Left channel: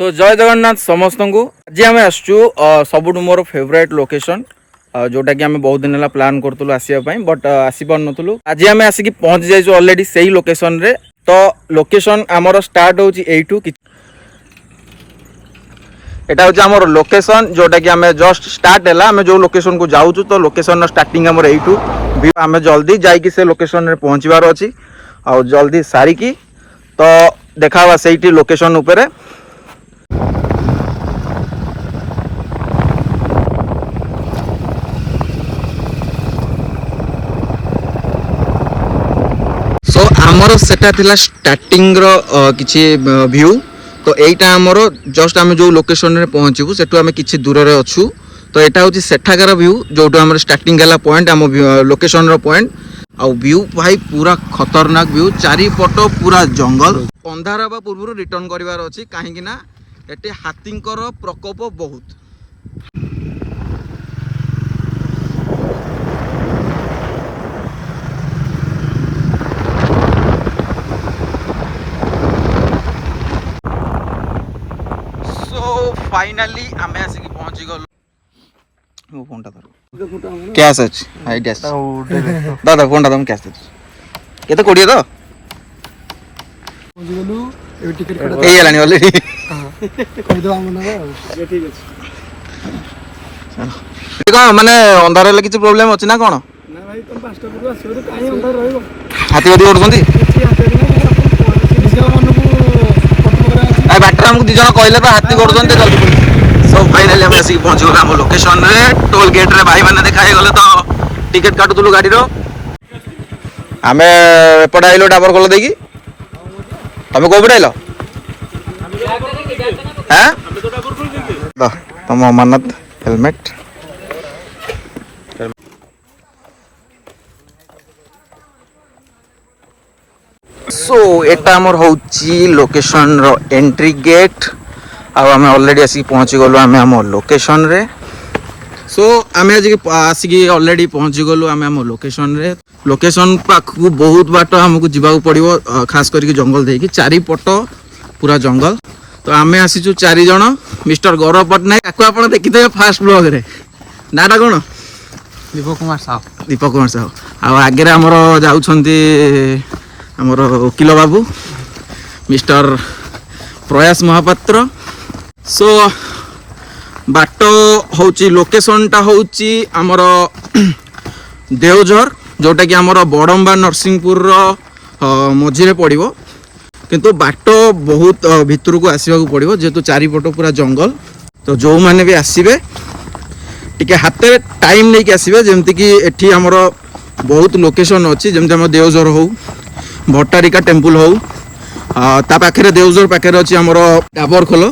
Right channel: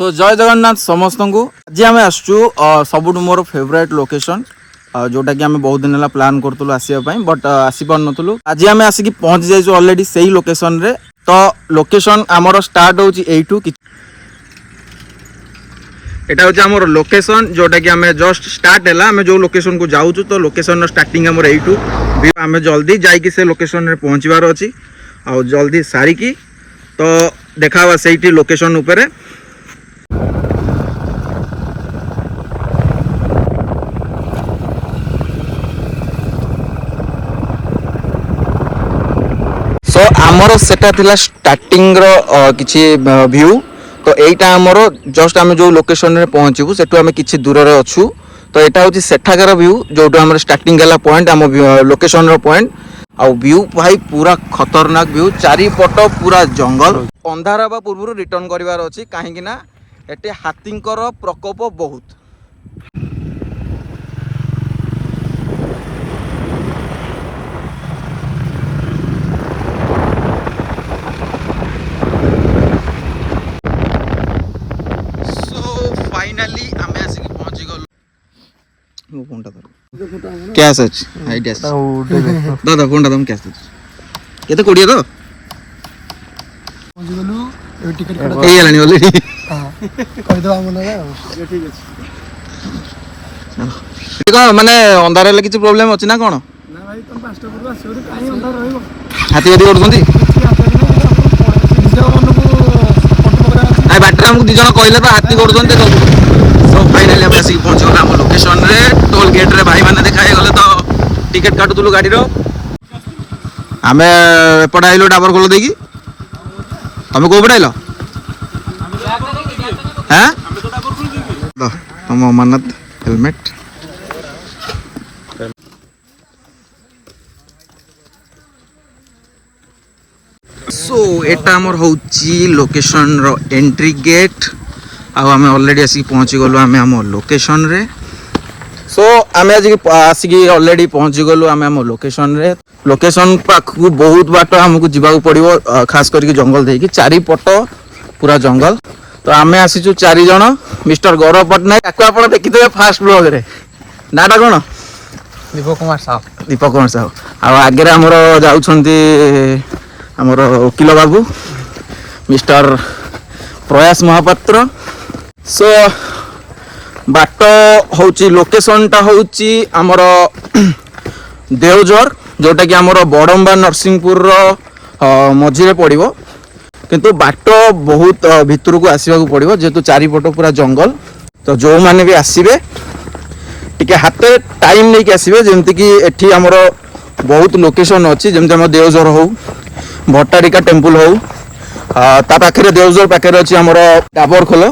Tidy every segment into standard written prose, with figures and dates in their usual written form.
सो जय जगन्नाथ समस्त को आज आम आसचु सबुठ मोर फेवरेट लोकेशन जोटा कि आम बहुत दिन है प्लान करूँ आसवाई बट आसीपार नुँ आज आम आसिक पहुँची जाइए अलरेडी से ही लोकेशन रे। तो लोकेशन आमर स्टार्ट होची एठू एटा होची आमर लोकेशन जोटा कि आम जस्ट स्टार्ट है आम जो लोकेशन को जाऊँ तो लोकेशन स्टार्टिंग आमर एठू आम जल्दी जाइए से लोकेशन रे पहुँचबार अच्छी आ जल्दी सारिकी तो देखा से लोकेशन उपरे। सो आमर सेटा थिला स्टार्टिंग रो किछि व्यू तो एटा आमर जस्ट आम जो लोकेशन रे पहुँचबू सेठू आम किछि दूर रे अछु तो एटा होछि सेठाकार व्यू जोटू आमर स्टार्टिंग हला पॉइंट आम लोकेशन रो पॉइंट आ व्यू भाई पूरा खतरनाक व्यू चारिपट पूरा जंगल अंधार हवा पूर्व रिटर्न करिवार अछि काहेकि ना एटे हाथींकर प्रकोप बहुत। फाइनली आम आसिक पहुंची गलु मो फोन टा धर कैश अछि हाई डैश दादा फोन टा तुम कैश दे केते कोडिए तो पहुंची गलु टिकट एई हलानी ऑलरेडी हां कहि दो हम ना ठीक अछि देखो माने अंधार हेले किछि प्रॉब्लम अछि ना कोन ना भाई तुम पांचटा पूर्व आसो रे काहे अंधार रहइबो हाथी बदी उडबंदी बैटर हमको दी जन कहले तो हाथी करदन सो फाइनली हम आसिक पहुंच गला हम लोकेशन रे टोल गेट रे भाई माने देखाई गले तो टिकट काटुतलु गाड़ी रो हमें एपट आइलो डाबर खोल देकी तमे को पड़ाइलो हैं तुम अमरनाथ हेलमेट सो एटा हमर होची लोकेशन रो एंट्री गेट आम ऑलरेडी आसिक पहुँची गलु आम आम लोकेशन रे। सो आम आसिक ऑलरेडी पहुँची गलु आम आम लोकेशन रे। लोकेशन पाखु बहुत बाट आमको जीवा पड़ो खास करके जंगल देकी चारिपट पूरा जंगल तो आम आसीचु 4 जन मिस्टर गौरव पट्टनायक आपको आप देखिथे फास्ट ब्लॉग रे नाटा कौन दीपक कुमार साहू आगे आमर जाउछंती आमर वकील बाबू मिस्टर प्रयास महापात्र। सो बाट होची लोकेशन टा होची आमर देवझर जोटा कि आमर बड़म्बा नरसिंहपुर मझीरे पड़ो किंतु बाट बहुत भितर को आसवा पड़ो जेहेतु चारिपट पूरा जंगल तो जो माने भी आसबे टिके हाथ टाइम नहीं कि आसबे जमती कि एठी आमर बहुत लोकेशन अच्छी जमती आम देवझर हो भट्टारिका टेम्पल हो ता पाखे देवझर पाखे अच्छी आमर डाबर खोल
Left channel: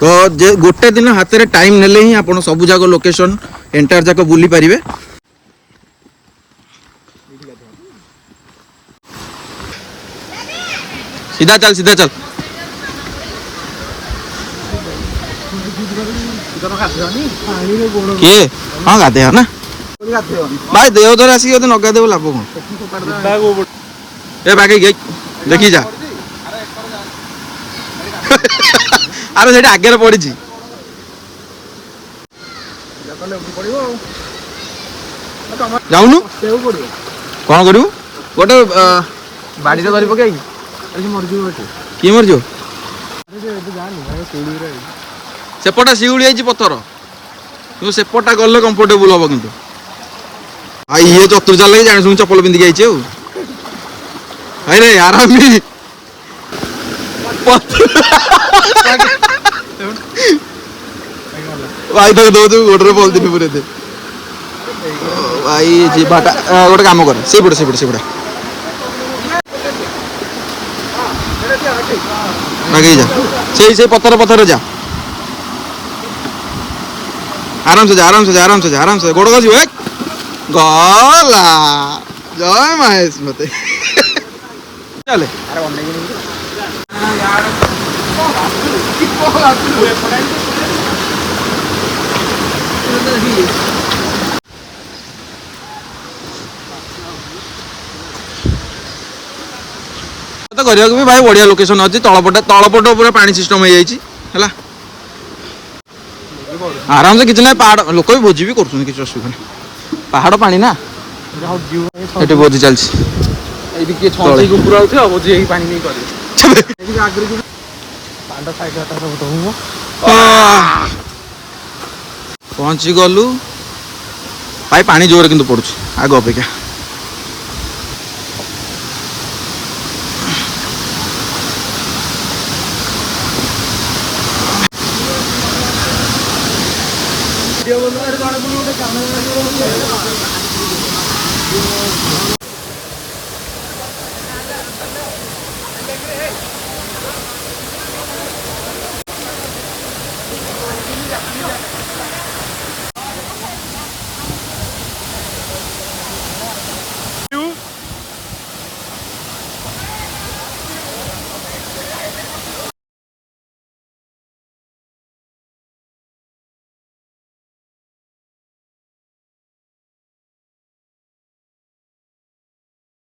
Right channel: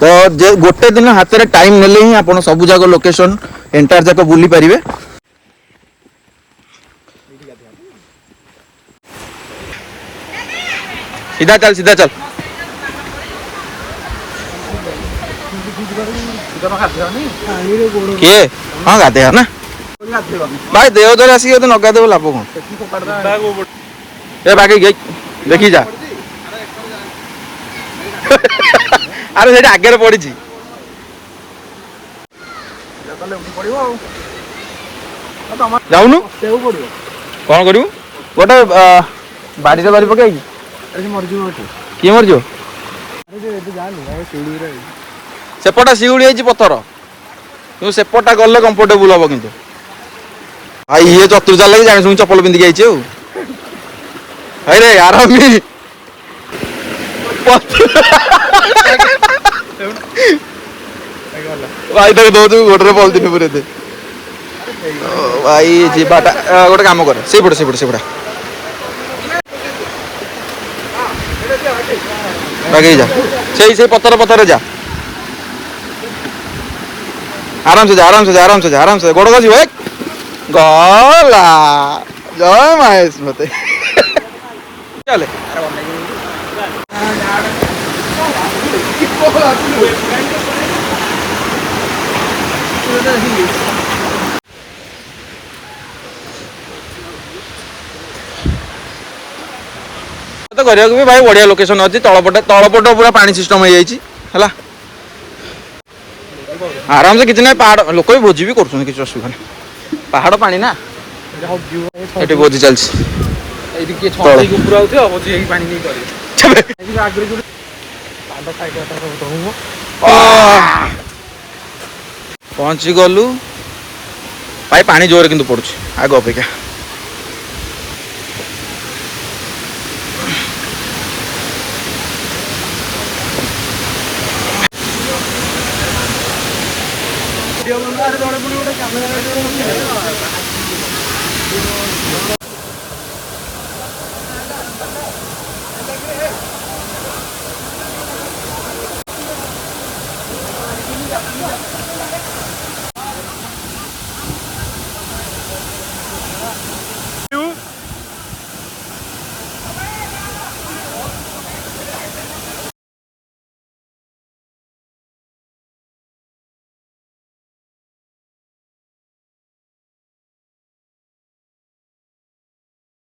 तो जे गोटे दिन हाथ में टाइम नेले ही आप सबू जाक लोकेशन एंटायर जाक बुली पारे। सीधा चल किए हाँ गाधे ना भाई देवधर आसिक न गाधे लाभ कौन ए बाकी देखी जा अरे से आगे पड़ी जाऊनु कौन करू गोटे बाड़ी धरी पकई किए मरज सेपटा शिउली पथर कि सेपटा गले कंफर्टेबल हम कि ये चतुर्जा लगे जानी शुणी चप्पल पिंधिक आई रे आराम भाई तक दौचु गोटे पलिथिन पूरे भाई जीवाटा गोटे कम करे से लगे जा से पत्थर जा आराम से गोड़ गजी गला जय महेश मते चले तो करिया भी भाई बढ़िया लोकेशन अच्छी तलपट पूरा पानी सिस्टम हो जाए ହେଲା आराम से किसी ना पहाड़ लोक भी भोजी भी कर किसी असुविधा नहीं पहाड़ पानी ना ये भोजी चलती पहुँची गलु भाई पानी जोर कि पड़ू आग अपेक्षा